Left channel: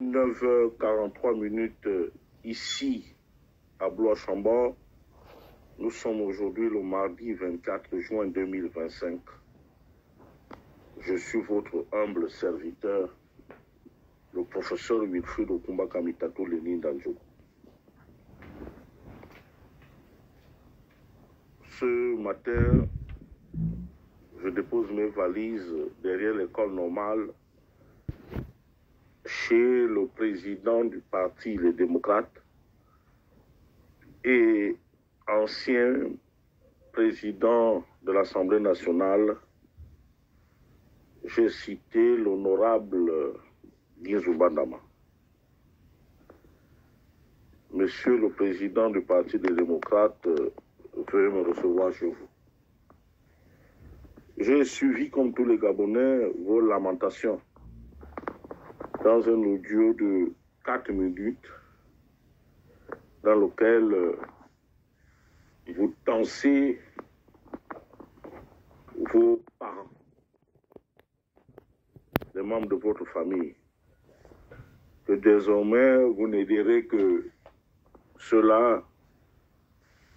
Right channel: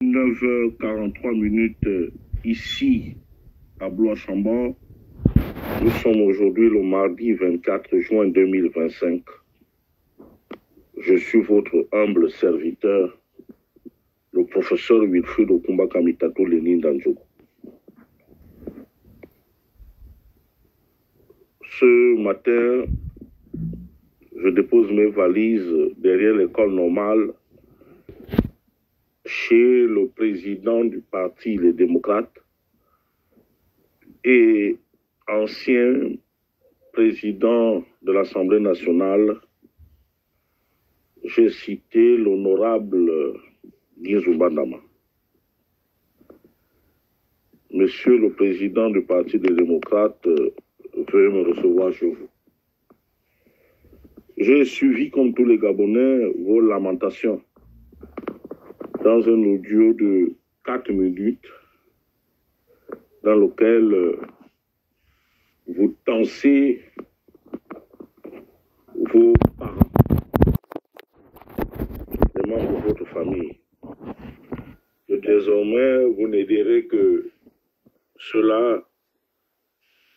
9h43 ici à Blois-Chambord. Nous sommes aujourd'hui le mardi 24 juin 2025. Je suis votre humble serviteur, le professeur Wilfried Okumba-Kamitato Lénine Danjogo. Ce matin, je dépose mes valises derrière l'école normale chez le président du parti Les Démocrates et ancien président de l'Assemblée nationale. J'ai cité l'honorable Guizou Bandama. Monsieur le président du parti des démocrates, veuillez me recevoir chez vous. J'ai suivi, comme tous les Gabonais, vos lamentations dans un audio de 4 minutes dans lequel vous tensez vos parents, les membres de votre famille. Et désormais, vous n'aiderez que ceux-là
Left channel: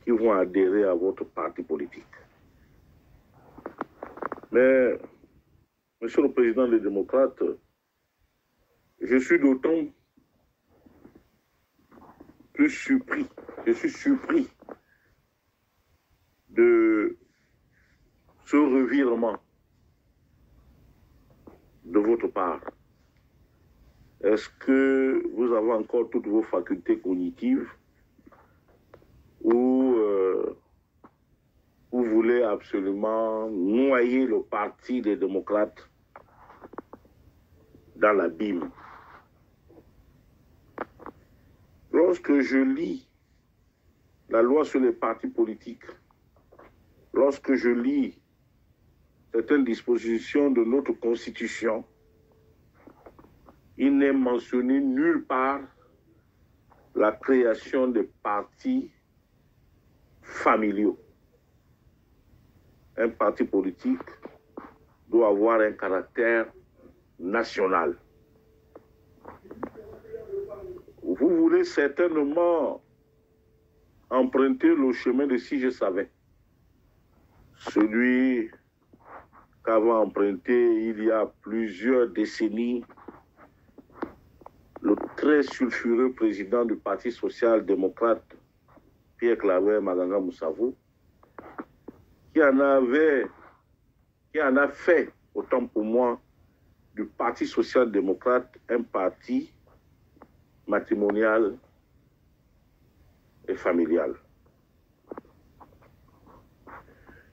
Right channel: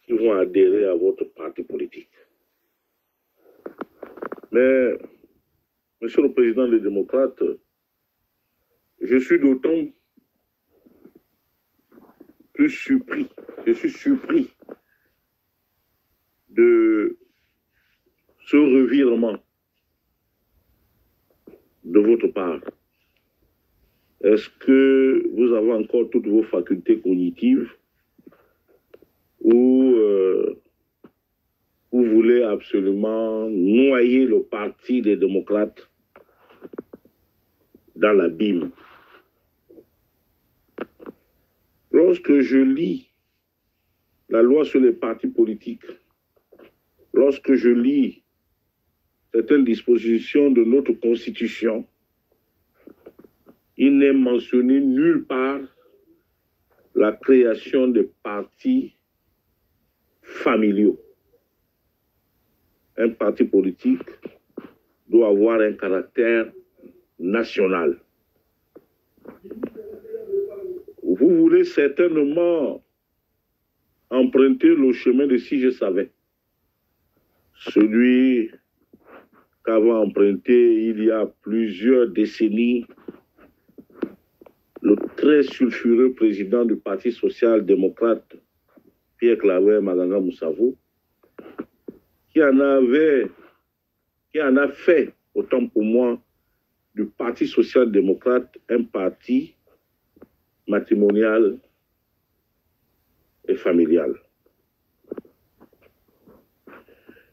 qui vont adhérer à votre parti politique. Mais, Monsieur le Président des démocrates, je suis d'autant plus surpris, de ce revirement de votre part. Est-ce que vous avez encore toutes vos facultés cognitives ou vous voulez absolument noyer le parti des démocrates dans l'abîme? Lorsque je lis la loi sur les partis politiques, lorsque je lis certaines dispositions de notre Constitution, il n'est mentionné nulle part la création de partis familiaux. Un parti politique doit avoir un caractère national. Vous voulez certainement emprunter le chemin de Si Je Savais, celui qu'avait emprunté il y a plusieurs décennies le très sulfureux président du Parti social-démocrate, Pierre Claver Maganga Moussavou, qui en a fait, autant pour moi, du Parti social-démocrate un parti matrimonial et familial.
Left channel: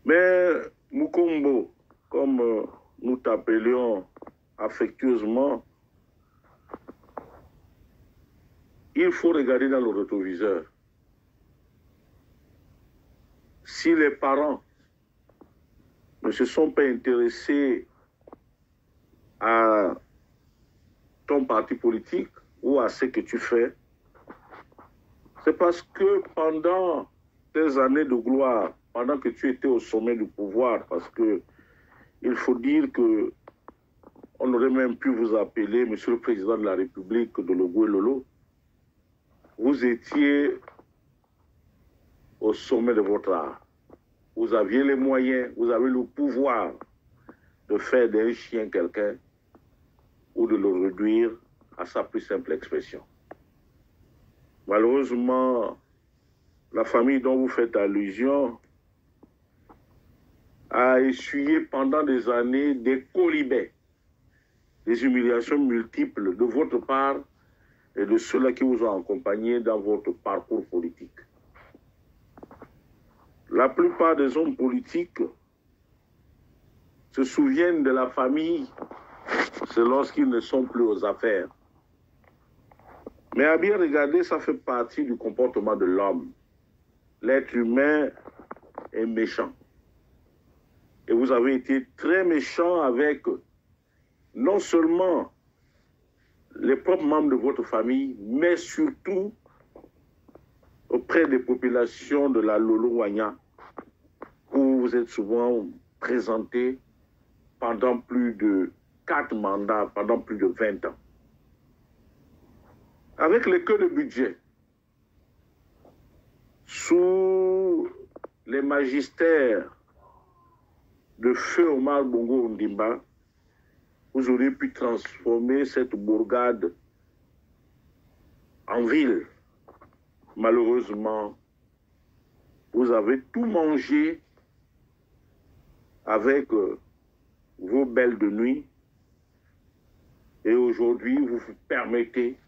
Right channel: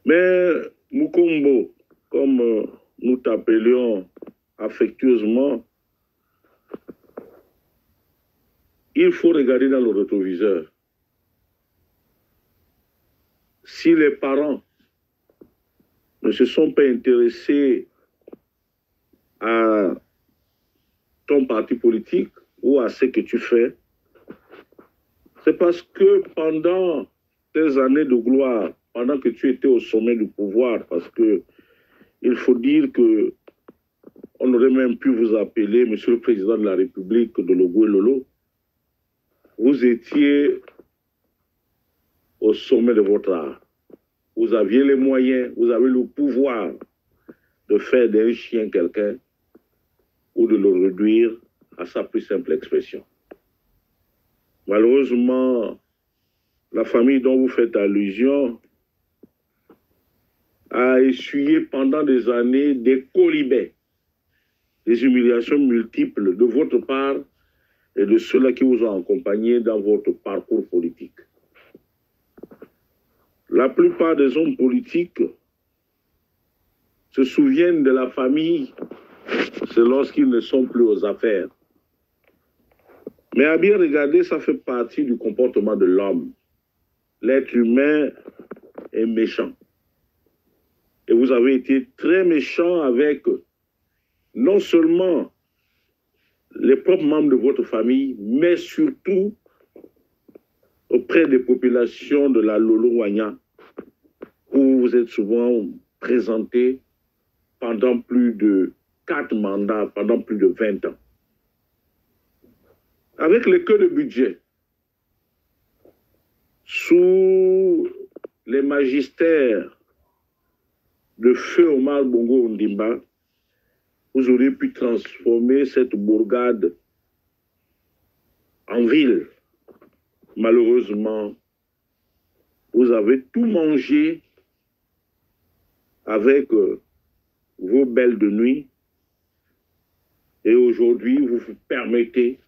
Mais Mukombo, comme nous t'appelions affectueusement, il faut regarder dans le rétroviseur. Si les parents ne se sont pas intéressés à ton parti politique ou à ce que tu fais, c'est parce que pendant tes années de gloire, pendant que tu étais au sommet du pouvoir, parce que il faut dire que on aurait même pu vous appeler Monsieur le Président de la République de Logou et Lolo, vous étiez au sommet de votre art. Vous aviez les moyens, vous avez le pouvoir de faire d'un chien quelqu'un ou de le réduire à sa plus simple expression. Malheureusement, la famille dont vous faites allusion a essuyé pendant des années des colibets, des humiliations multiples de votre part et de ceux-là qui vous ont accompagné dans votre parcours politique. La plupart des hommes politiques se souviennent de la famille, c'est lorsqu'ils ne sont plus aux affaires. Mais à bien regarder, ça fait partie du comportement de l'homme. L'être humain est méchant. Et vous avez été très méchant avec non seulement les propres membres de votre famille, mais surtout auprès des populations de la Lolo-Wanya, où vous êtes souvent présenté pendant plus de 4 mandats, pendant plus de 20 ans. avec les queues de budget, sous les magistères de feu Omar Bongo Ondimba, vous auriez pu transformer cette bourgade en ville. Malheureusement, vous avez tout mangé avec vos belles de nuit. Et aujourd'hui, vous vous permettez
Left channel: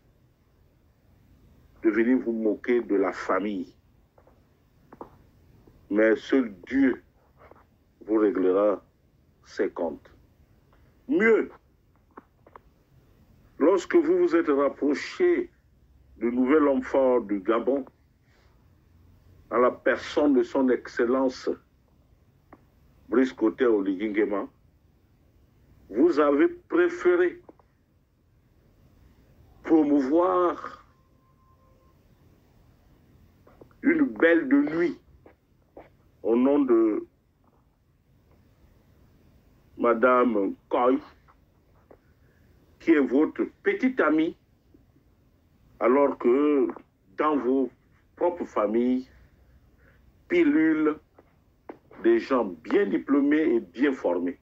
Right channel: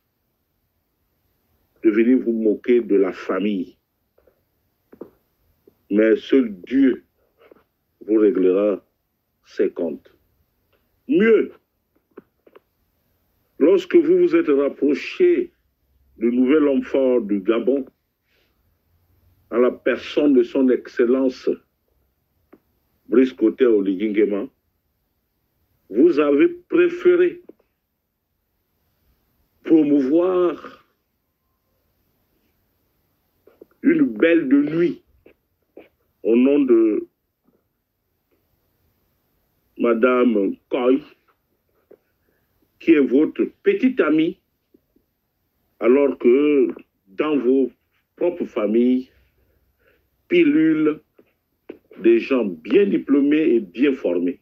de venir vous moquer de la famille. Mais seul Dieu vous réglera ses comptes. Mieux, lorsque vous vous êtes rapproché du nouvel homme fort du Gabon, à la personne de son Excellence Brice Koté Oligui Nguema, vous avez préféré promouvoir une belle de nuit au nom de Madame Koy, qui est votre petite amie, alors que dans vos propres familles, pilule des gens bien diplômés et bien formés.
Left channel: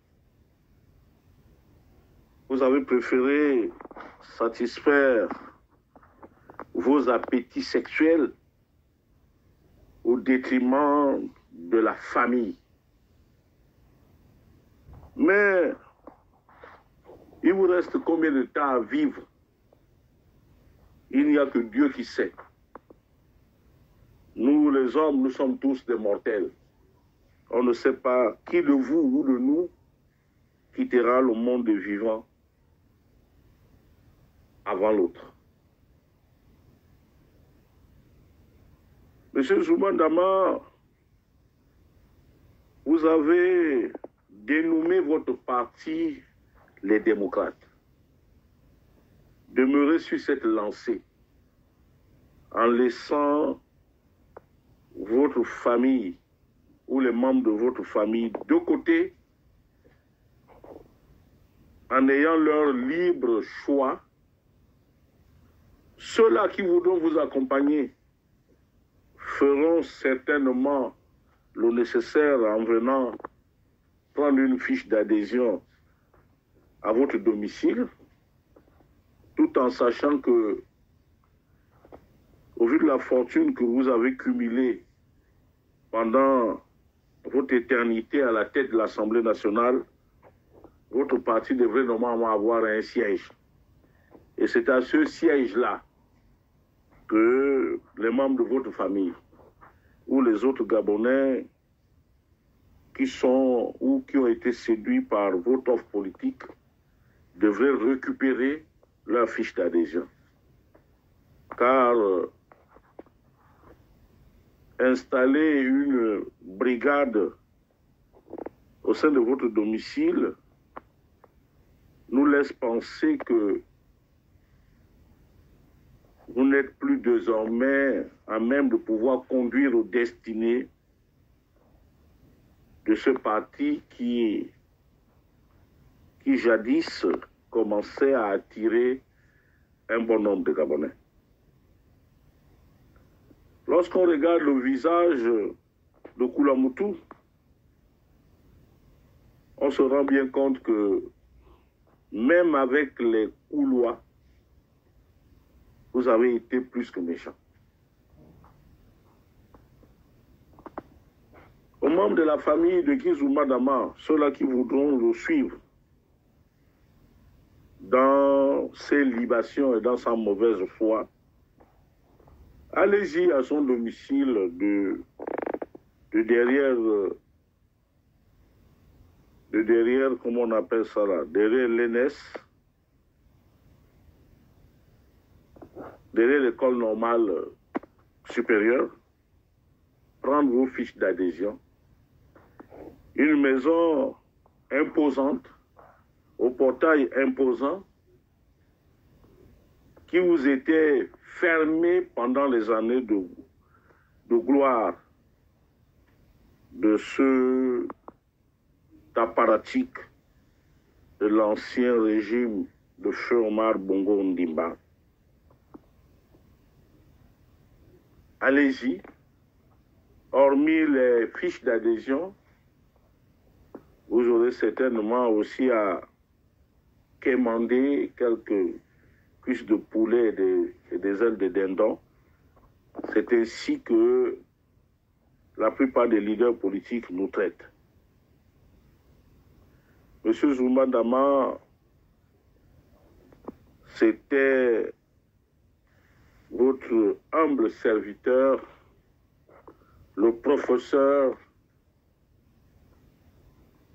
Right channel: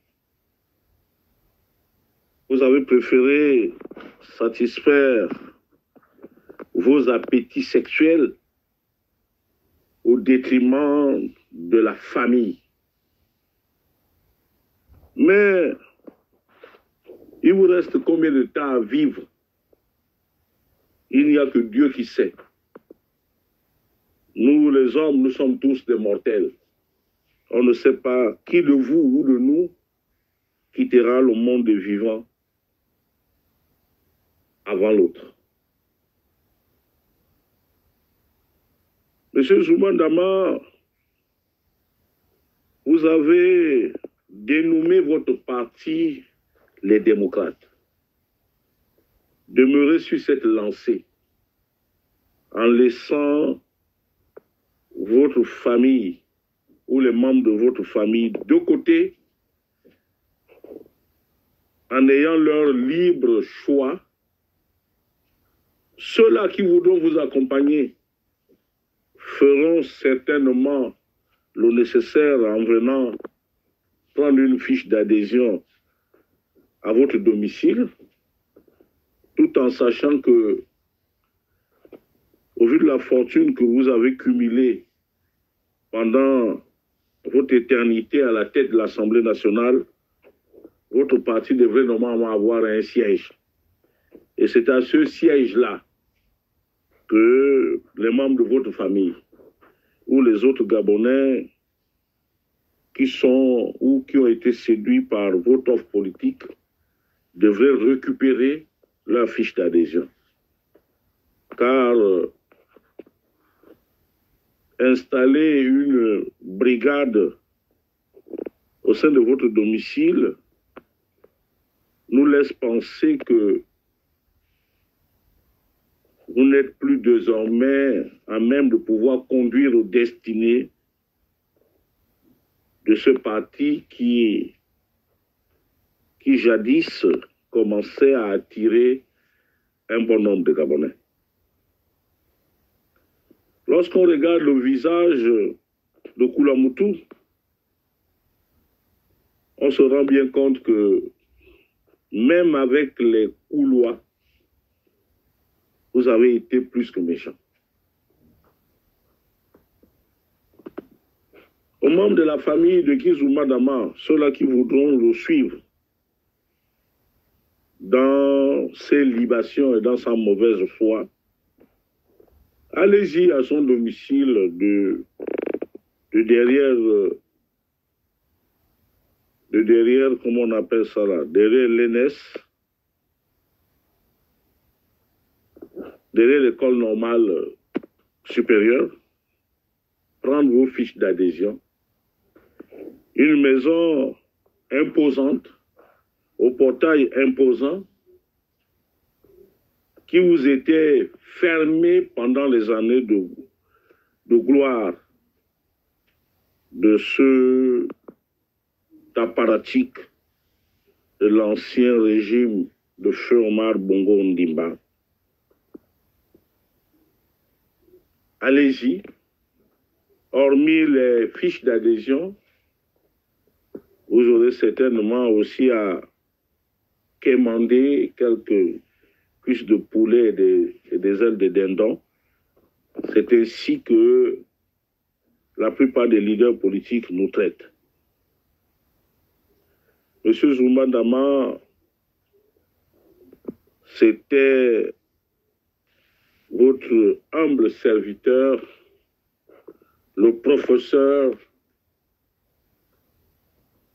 Vous avez préféré satisfaire vos appétits sexuels au détriment de la famille. Mais il vous reste combien de temps à vivre? Il n'y a que Dieu qui sait. Nous, les hommes, nous sommes tous des mortels. On ne sait pas qui de vous ou de nous quittera le monde des vivants avant l'autre. Monsieur Zouma Dama, vous avez dénommé votre parti les démocrates. Demeurez sur cette lancée en laissant votre famille ou les membres de votre famille de côté, en ayant leur libre choix. Ceux-là qui voudront vous accompagner feront certainement le nécessaire en venant prendre une fiche d'adhésion à votre domicile, tout en sachant que, au vu de la fortune que vous avez cumulée pendant votre éternité à la tête de l'Assemblée nationale, votre parti devrait normalement avoir un siège. Et c'est à ce siège-là que les membres de votre famille ou les autres Gabonais qui sont ou qui ont été séduits par votre offre politique devraient récupérer leur fiche d'adhésion. Car installer une brigade au sein de votre domicile nous laisse penser que vous n'êtes plus désormais à même de pouvoir conduire aux destinées de ce parti qui jadis commençait à attirer un bon nombre de Gabonais. Lorsqu'on regarde le visage de Koulamoutou, on se rend bien compte que même avec les Koulois, vous avez été plus que méchant. Aux membres de la famille de Guy Dama, ceux-là qui voudront le suivre dans ses libations et dans sa mauvaise foi, allez-y à son domicile de derrière, comment on appelle ça là, derrière l'ENS, derrière l'école normale supérieure, prendre vos fiches d'adhésion. Une maison imposante, au portail imposant, qui vous était fermée pendant les années de gloire de ce apparatchik de l'ancien régime de Feu Omar Bongo Ondimba. allez-y. Hormis les fiches d'adhésion, vous aurez certainement aussi à quémander quelques cuisses de poulet et des ailes de dindon. C'est ainsi que la plupart des leaders politiques nous traitent. Monsieur Zuma Dama, c'était votre humble serviteur, le professeur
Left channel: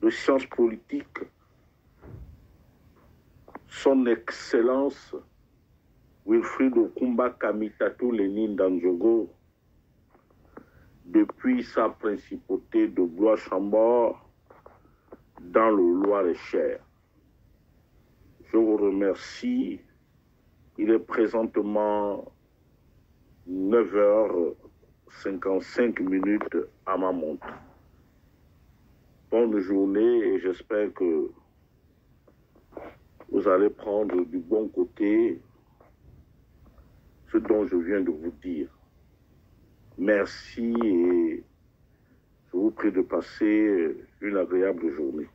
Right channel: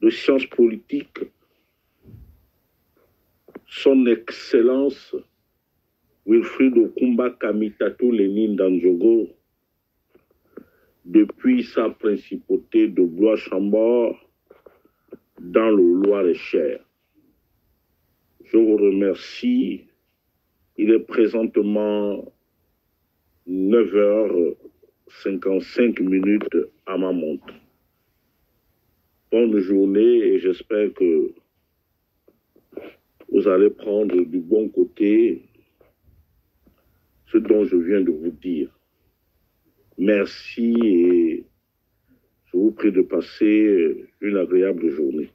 de sciences politiques, son Excellence Wilfried Okumba Kamitatou Lénine Danjogo, depuis sa principauté de Blois-Chambord dans le Loir-et-Cher. Je vous remercie. Il est présentement 9h55 à ma montre. Bonne journée et j'espère que vous allez prendre du bon côté ce dont je viens de vous dire. Merci et je vous prie de passer une agréable journée.